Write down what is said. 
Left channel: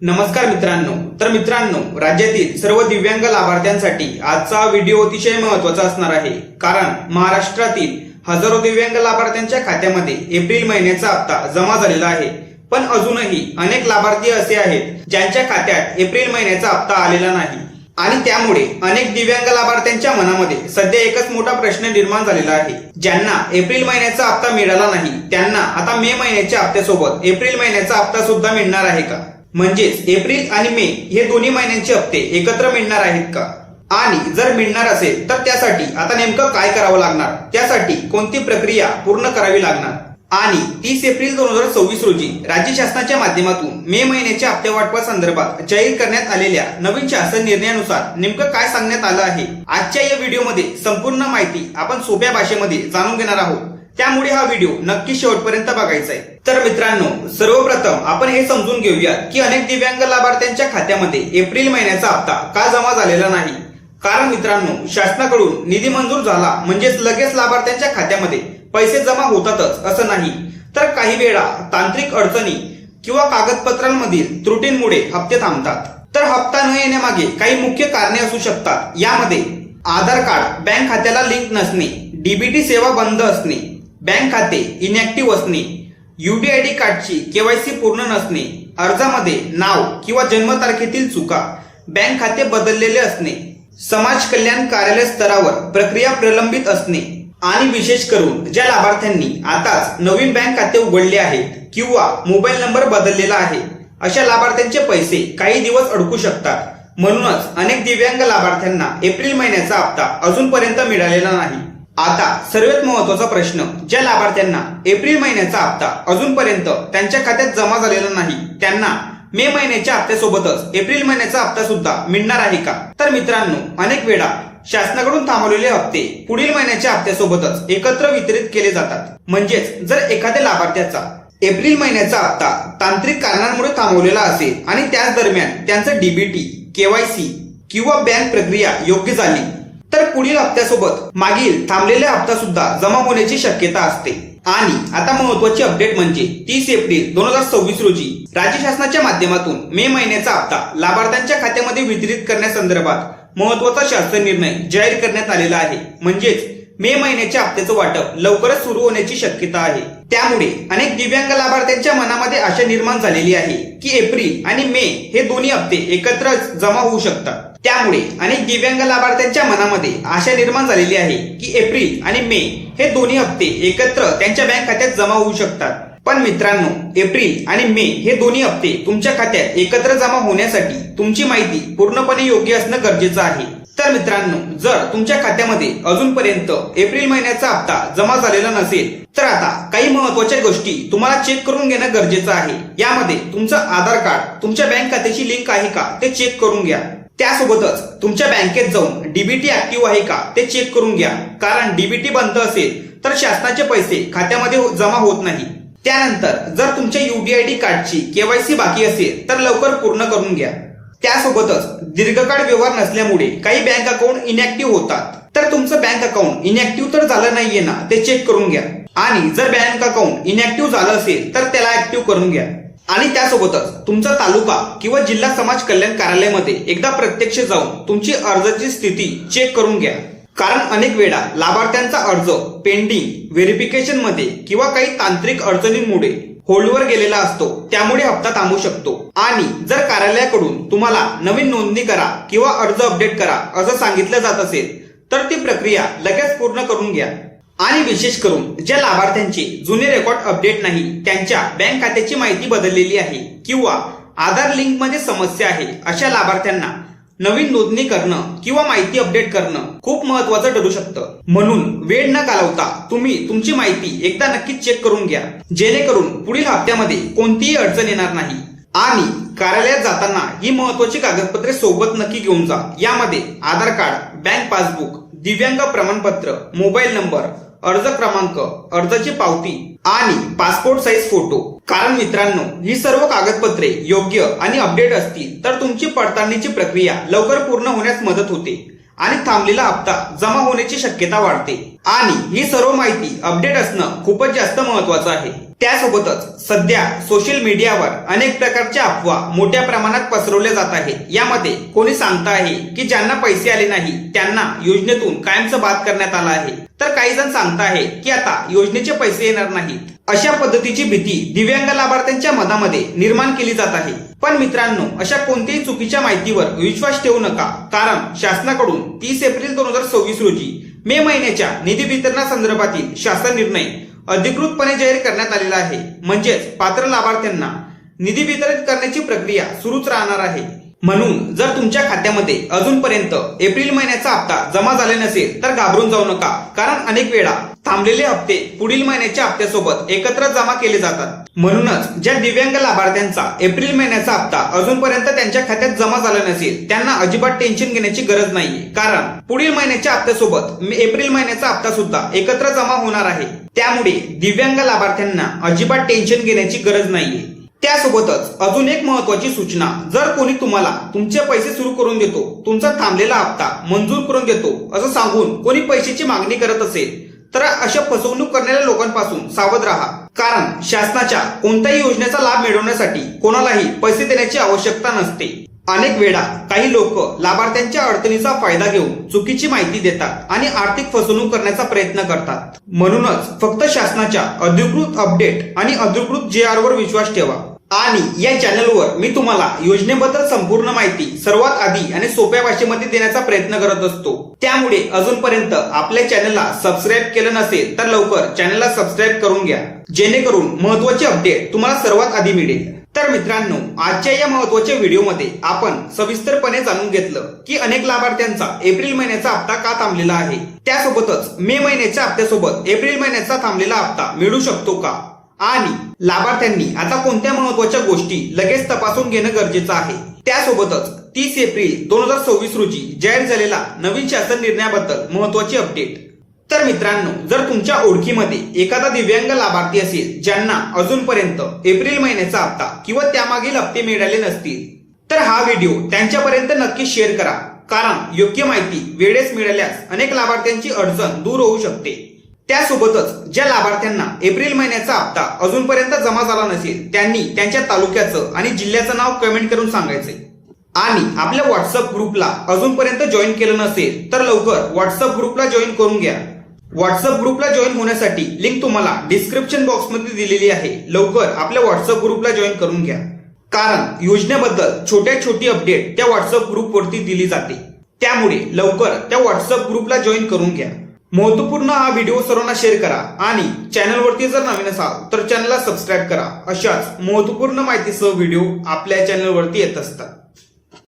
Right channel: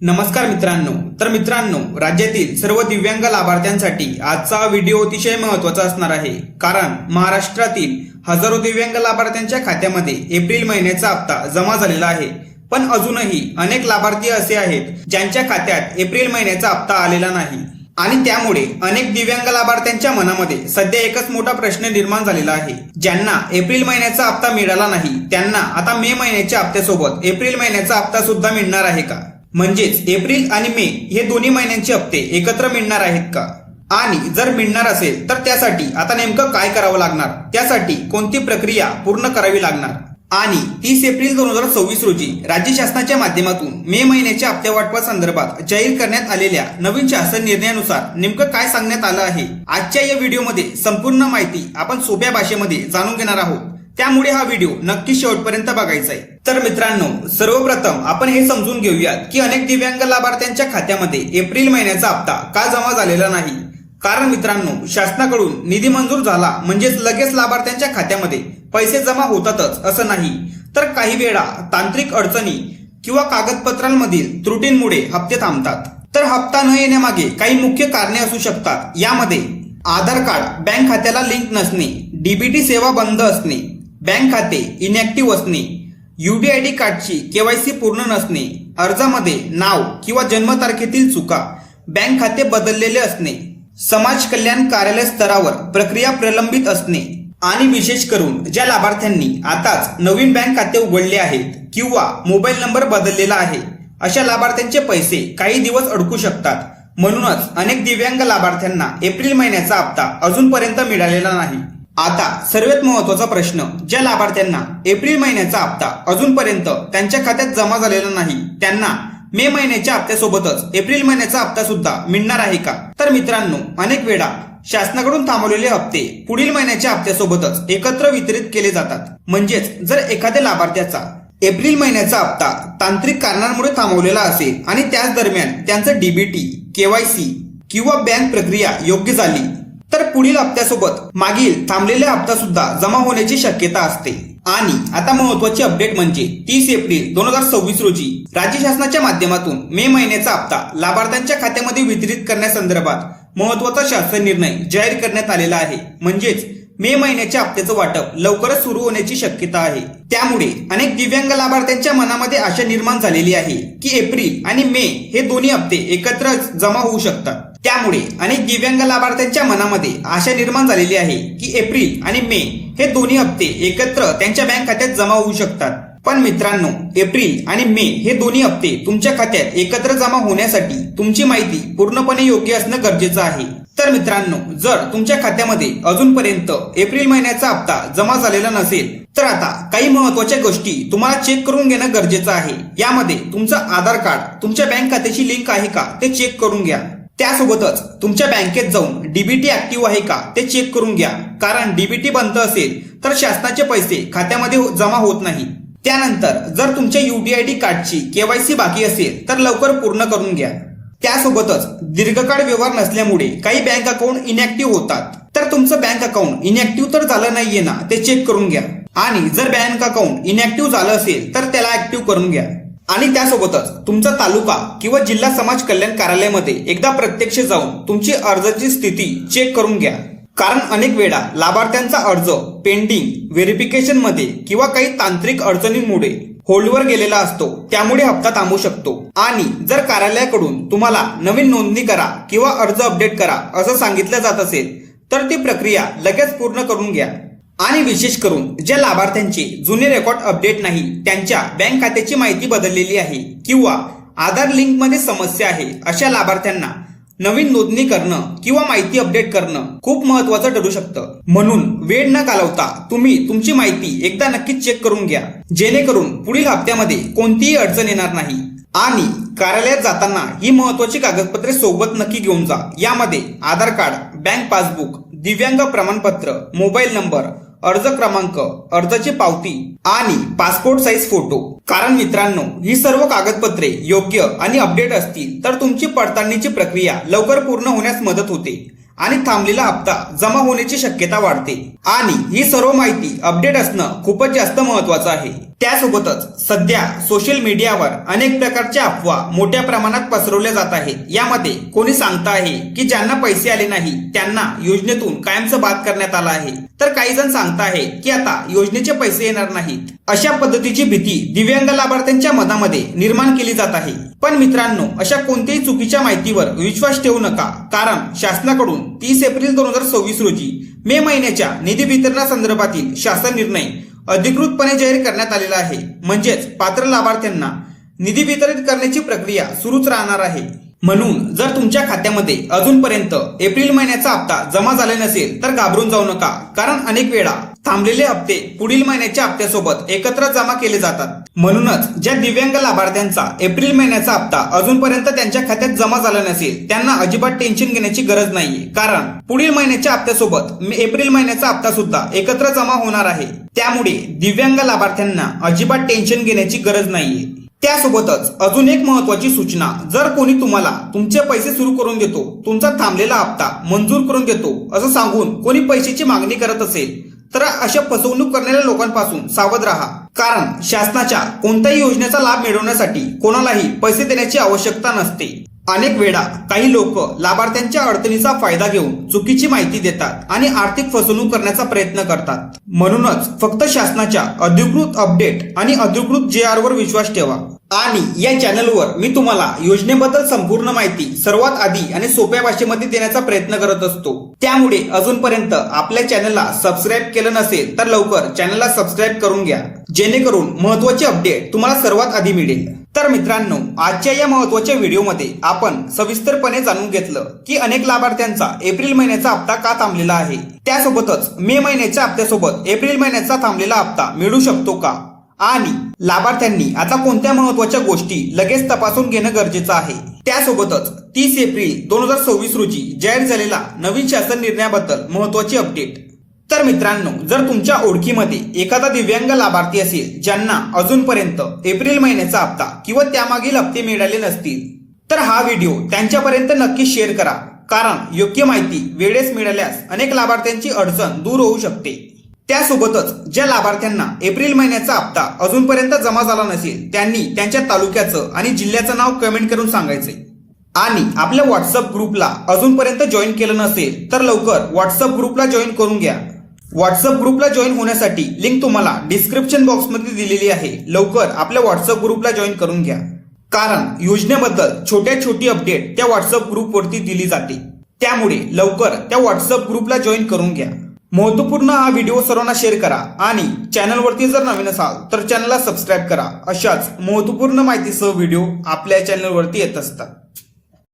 नमस्कार मित्रांनो, राज्यातील सर्व दिव्यांग लाभार्थ्यांसाठी आजचा व्हिडिओ अतिशय महत्त्वाचा असणार आहे। कारण महाराष्ट्रातील हजारो दिव्यांग लाभार्थ्यांच्या खात्यामध्ये एप्रिल महिन्याचा हप्ता जमा झालेला आहे, पण अजूनही अनेक लाभार्थी असे आहेत ज्यांच्या खात्यात एप्रिल महिन्याचा हप्ता आलेला नाही आणि त्यामुळे अनेक दिव्यांग लाभार्थ्यांच्या मनामध्ये सध्या एकच मोठा प्रश्न निर्माण झालेला आहे। ज्यांना एप्रिल महिन्याचा हप्ता मिळाला नाही त्यांना आता मे महिन्याच्या हप्त्यासोबत एप्रिल महिन्याचा हप्ता सुद्धा मिळणार आहे का? म्हणजेच एप्रिल आणि मे हे दोन्ही महिन्यांचे हप्ते एकत्र मिळणार आहेत का? आणि जर मिळणार असेल तर त्यासाठी आता नेमकं काय करावं लागणार, त्यासाठी कोणती प्रक्रिया पूर्ण करावी लागणार? आणि 30 एप्रिल 2026 रोजी राज्य शासनाच्या माध्यमातून मे महिन्याच्या हप्ते वाटपासंदर्भात जाहीर करण्यात आलेल्या नवीन शासन निर्णयानुसार नेमकं काय सांगण्यात आलं आहे, आजच्या या व्हिडिओमध्ये संपूर्ण माहिती आपण सोप्या भाषेमध्ये जाणून घेणार आहोत। त्यामुळे हा व्हिडिओ नक्की शेवटपर्यंत बघायचा आहे। तर मित्रांनो, सर्वप्रथम आपण हे समजून घेऊयात की अनेक दिव्यांग लाभार्थ्यांच्या खात्यामध्ये एप्रिल महिन्याचा हप्ता का जमा झालेला नाही। कारण मित्रांनो, शासनाकडून निधी मंजूर झाला म्हणजेच लगेच लाभार्थ्यांच्या खात्यामध्ये पैसे जमा होतातच असं नाही, तर काही वेळा तांत्रिक अडचणी किंवा कागदपत्रांमधील त्रुटींमुळे हप्ते थांबतात। तर हप्ता न येण्यामागे काही मुख्य कारणे असू शकतात। यामध्ये आधार कार्ड बँक खात्याला लिंक नसणे, डीबीटी सेवा बंद असणे, बँक खाते इनॅक्टिव्ह असणे, यूडीआयडी कार्डची केवायसी पूर्ण नसणे, अर्जामध्ये नाव किंवा जन्मतारखेतील चुका, बँक खाते बदललेले असणे, समाज कल्याण कार्यालय स्तरावर प्रक्रिया प्रलंबित असणे आणि विशेष करून ज्या लाभार्थ्यांनी आताच नवीन बँक खाते उघडले आहेत किंवा मोबाईल नंबर बदललेला आहे अशा लाभार्थ्यांचे पैसे काही दिवस अडकू शकतात। म्हणूनच अनेक दिव्यांग लाभार्थ्यांना एप्रिल महिन्याचा हप्ता अजूनपर्यंत मिळालेला नाही। आता सर्वात महत्त्वाचा प्रश्न, ज्या लाभार्थ्यांना एप्रिल महिन्याचा हप्ता अजूनपर्यंत त्यांच्या खात्यात जमा झालेला नाही त्यांना मे महिन्याच्या हप्त्यासोबतच एप्रिल महिन्याचा हप्ता सुद्धा मिळणार आहे का? तर मित्रांनो, अनेक वेळा शासनाकडून थांबवलेले हप्ते पुढील महिन्याच्या हप्त्यासोबतच एकत्र वितरित केले जातात। म्हणजेच जर एखाद्या लाभार्थ्याचा एप्रिल महिन्याचा हप्ता तांत्रिक कारणांमुळे थांबवलेला असेल आणि त्याच दरम्यान त्यांचं डीबीटी, केवायसी किंवा बँक प्रक्रिया योग्य झाली तर पुढील हप्त्यासोबत मागील थांबलेला हप्ता सुद्धा जमा होण्याची शक्यता असते। आणि आता महत्त्वाची अपडेट म्हणजे 30 एप्रिल 2026 रोजी राज्य शासनाच्या माध्यमातून मे महिन्याचा हप्ता लाभार्थ्यांच्या खात्यामध्ये वितरित करण्यासंदर्भात महत्त्वाचा शासन निर्णय जाहीर करण्यात आलेला आहे। म्हणजेच मे महिन्याच्या हप्त्याचं वाटप लवकरच सुरू होण्याची शक्यता आहे। त्यामुळे अनेक दिव्यांग लाभार्थ्यांच्या मनामध्ये आशा निर्माण झालेली आहे की एप्रिल आणि मे हे दोन्ही हप्ते एकत्र जमा होऊ शकतात। त्यामुळे अनेक दिव्यांग लाभार्थ्यांच्या मनामध्ये आशा निर्माण झालेली आहे की एप्रिल आणि मे हे दोन्ही हप्ते एकत्र त्यांच्या बँक खात्यात जमा होऊ शकतात। पण मित्रांनो, एप्रिल आणि मे हे दोन्ही हप्ते तुमच्या खात्यात एकत्र जमा होण्यासाठी तुमची माहिती पूर्णपणे योग्य असणं गरजेचं आहे। तर मित्रांनो, जर तुमच्या खात्यामध्ये अजूनपर्यंत एप्रिल महिन्याचा हप्ता जमा झालेला नसेल तर आता काही महत्त्वाच्या गोष्टी तुम्हाला चेक करून घेणं गरजेचं आहे। यामध्ये तुमचं आधार कार्ड तुमच्या बँक खात्याची लिंक आहे का ते चेक करून घ्या। त्यासोबतच तुमच्या बँकेत जाऊन डीबीटी ऍक्टिव्ह आहे का ते चेक करून घ्या। कारण डीबीटी बंद असेल तर शासनाचे पैसे खात्यामध्ये जमा होत नाही। त्यानंतर जर तुमच्या यूडीआयडी कार्डची केवायसी बाकी असेल तर लवकर पूर्ण करून घ्या। त्यासोबतच दीर्घकाळ व्यवहार नसल्यामुळे काही बँक अकाउंट इनॅक्टिव्ह होतात, तर तुमचं बँक अकाउंट इनॅक्टिव्ह तर झालं नाहीये ना ते चेक करून घ्या। आणि जर बँक अकाउंट इनॅक्टिव्ह झालं असेल तर त्याला ऍक्टिव्ह करून घ्या। आणि त्यासोबतच तुमचा तालुका किंवा जिल्हा समाज कल्याण कार्यालयामध्ये एकदा प्रत्यक्ष जाऊन तुमची अर्जाची स्थिती चेक करून घ्या। कारण अनेक वेळा लाभार्थ्यांचा अर्ज पेंडिंग, व्हेरिफिकेशन मध्ये किंवा काही तांत्रिक अडचणींमुळे होल्डवर गेलेला असतो, त्यामुळे हप्ता थांबू शकतो। आणि जर कार्यालयाकडून तुम्हाला नवीन नोंदणी करा किंवा अर्ज अपडेट करा असं सांगितलं जात असेल तर ती प्रक्रिया लगेच पूर्ण करून घ्या। आणि विशेष करून ज्या लाभार्थ्यांचे जुने रेकॉर्ड अपडेट नाही, त्यांच्या बँक खात्याची माहिती बदललेली आहे किंवा आधार लिंक मध्ये समस्या आहे अशा लाभार्थ्यांना नवीन नोंदणी करणं किंवा माहिती अपडेट करणं खूप महत्त्वाचं ठरू शकतं। म्हणून वेळ न घालवता तुम्ही तुमची माहिती एकदा नक्कीच चेक करून घ्या, जेणेकरून पुढील हप्त्यामध्ये कोणतीही अडचण येणार नाही। आणि कार्यालयात जाताना ही महत्त्वाची कागदपत्रे सोबत नक्की घेऊन जा। यामध्ये आधार कार्ड, बँक पासबुक, दिव्यांग प्रमाणपत्र, मोबाईल नंबर, अर्ज क्रमांक, अर्जाची पावती आणि पासपोर्ट साईज फोटो। कारण मित्रांनो, ही सर्व कागदपत्रे योग्य आणि अपडेट असतील तर तुमची पडताळणीची प्रक्रिया लवकर पूर्ण होण्यास मदत होते आणि थांबलेला हप्ता जमा होण्याची शक्यता वाढते आणि ही सर्व माहिती अपडेट असणं खूपच जास्त महत्वाचं आहे। त्यासोबतच सध्या सोशल मीडियावर अनेक प्रकारच्या अफवा मोठ्या प्रमाणात पसरवल्या जात आहेत। यामध्ये कोणी सांगत आहे की ज्यांना पैसे आले नाही त्यांना योजनेतून कायमचं बाद करण्यात आलं आहे, तर काही जण सांगत आहेत की आता योजनेचे पैसे येणार नाहीत। अशा पद्धतीची भीती दिव्यांग लाभार्थ्यांच्या मनामध्ये निर्माण केली जात आहे। पण मित्रांनो, अशा कोणत्याही चुकीच्या माहितीवर विश्वास ठेवू नका, कारण शासनाकडून 30 एप्रिल 2026 रोजी मे महिन्याच्या निधी वितरणासंदर्भातील शासन निर्णय अधिकृतपणे जाहीर करण्यात आलेला आहे। म्हणजेच पात्र लाभार्थ्यांना निधी वितरित करण्याची प्रक्रिया सुरूच राहणार आहे। म्हणून जर तुमच्या खात्यामध्ये अजूनपर्यंत एप्रिल महिन्याचा हप्ता जमा झाला नसेल तर घाबरून जाऊ नका, कारण अनेक वेळा थांबलेले हप्ते पुढील महिन्याच्या हप्त्यासोबत एकत्र जमा केले जातात। म्हणूनच ज्या दिव्यांग लाभार्थ्यांचा एप्रिल महिन्याचा हप्ता अजूनपर्यंत त्यांच्या खात्यात जमा झाला नसेल त्यांना अजिबात टेन्शन घेण्याची गरज नाहीये, कारण पुढील महिन्याच्या हप्त्यासोबत एप्रिल महिन्याचा हप्ता सुद्धा एकत्र जमा होणार आहे। त्यामुळे दिव्यांग लाभार्थ्यांना अजिबात टेन्शन घेण्याची गरज नाहीये। त्यासोबतच अजून एक महत्वाची सूचना, जर कोणी तुम्हाला तुमचे पैसे सुरू करून देतो, तुमचा थांबलेला हप्ता मंजूर करून देतो असं सांगून कोणी पैशाची मागणी करत असेल तर अशा फसवणूक करणाऱ्या लोकांपासून सावध राहा, कारण शासनाच्या कोणत्याही योजनेचा लाभ मिळवण्यासाठी कोणालाही पैसे देण्याची आवश्यकता नसते। अनेक वेळा काही लोक लाभार्थ्यांच्या अडचणीचा फायदा घेऊन चुकीची माहिती देतात आणि आर्थिक फसवणूक करण्याचा प्रयत्न करतात। म्हणूनच फक्त शासनाच्या अधिकृत अपडेट आणि अधिकृत JR वर विश्वास ठेवा। आणि या चॅनलवर मी तुम्हाला योजनेबद्दल संपूर्ण माहिती सर्वात आधी आणि सोप्या भाषेमध्ये देण्याचा प्रयत्न करत असतो। त्यामुळे अजूनपर्यंत आपल्या चॅनलला सबस्क्राईब केलं नसेल तर लवकर चॅनलला सबस्क्राईब करून घ्या, जेणेकरून महत्त्वाचे अपडेट तुम्हाला सर्वात आधी मिळेल। तर मित्रांनो, आजच्या या महत्त्वाच्या व्हिडिओमध्ये आपण सविस्तरपणे जाणून घेतलं की अनेक लाभार्थ्यांचा एप्रिल महिन्याचा हप्ता का थांबलेला आहे, त्यासोबतच मे महिन्याच्या हप्त्यासोबत एप्रिल महिन्याचा थांबलेला हप्ता मिळू शकतो का, आणि लाभार्थ्यांनी आता कोणत्या महत्त्वाच्या गोष्टी लगेच तपासून घेणं गरजेचं आहे। त्यासोबतच 30 एप्रिल 2026 रोजी जाहीर झालेला नवीन शासन निर्णयाबद्दल महत्त्वाची अपडेट। तर मित्रांनो, जर तुमच्या ओळखीमध्ये एखादा दिव्यांग लाभार्थी असेल ज्यांना अजूनपर्यंत एप्रिल महिन्याचा हप्ता किंवा त्यामागील हप्ते मिळाले नसतील तर हा व्हिडिओ त्यांच्यापर्यंत नक्की शेअर करा, कारण योग्य माहिती वेळेस मिळाल्यास अनेक लाभार्थ्यांची अडचण दूर होऊ शकते। त्यासोबतच ज्या लाभार्थ्यांना एप्रिल महिन्याचा हप्ता अजूनपर्यंत जमा झाला नसेल त्यांनी त्यांच्या तालुक्याचं आणि जिल्ह्याचं नाव कमेंट करून सांगायचंय। आणि आपल्या व्हॉट्सअप ग्रुपला अजूनपर्यंत जॉईन केलं नसेल तर लवकर व्हॉट्सअप ग्रुपला जॉईन करून घ्या। व्हॉट्सअप ग्रुपला जॉईन होण्यासाठी लिंक तुम्हाला डिस्क्रिप्शन बॉक्समध्ये दिलेली आहे। लवकर आपल्या व्हॉट्सअप ग्रुपला जॉईन करून घ्या, कारण योजनेबद्दल छोटी अपडेट त्या व्हॉट्सअप ग्रुपवरती दिली जाते। त्यामुळे लवकर त्या व्हॉट्सअप ग्रुपला जॉईन करून घ्या। महत्त्वपूर्ण हा व्हिडिओ सर्वांना शेअर करा आणि चॅनलवरती जर नवीन असाल तर चॅनलला सबस्क्राईब करा। अशाच महत्त्वपूर्ण माहितीसह व्हिडिओ आपल्या चॅनलवरती येत असतात।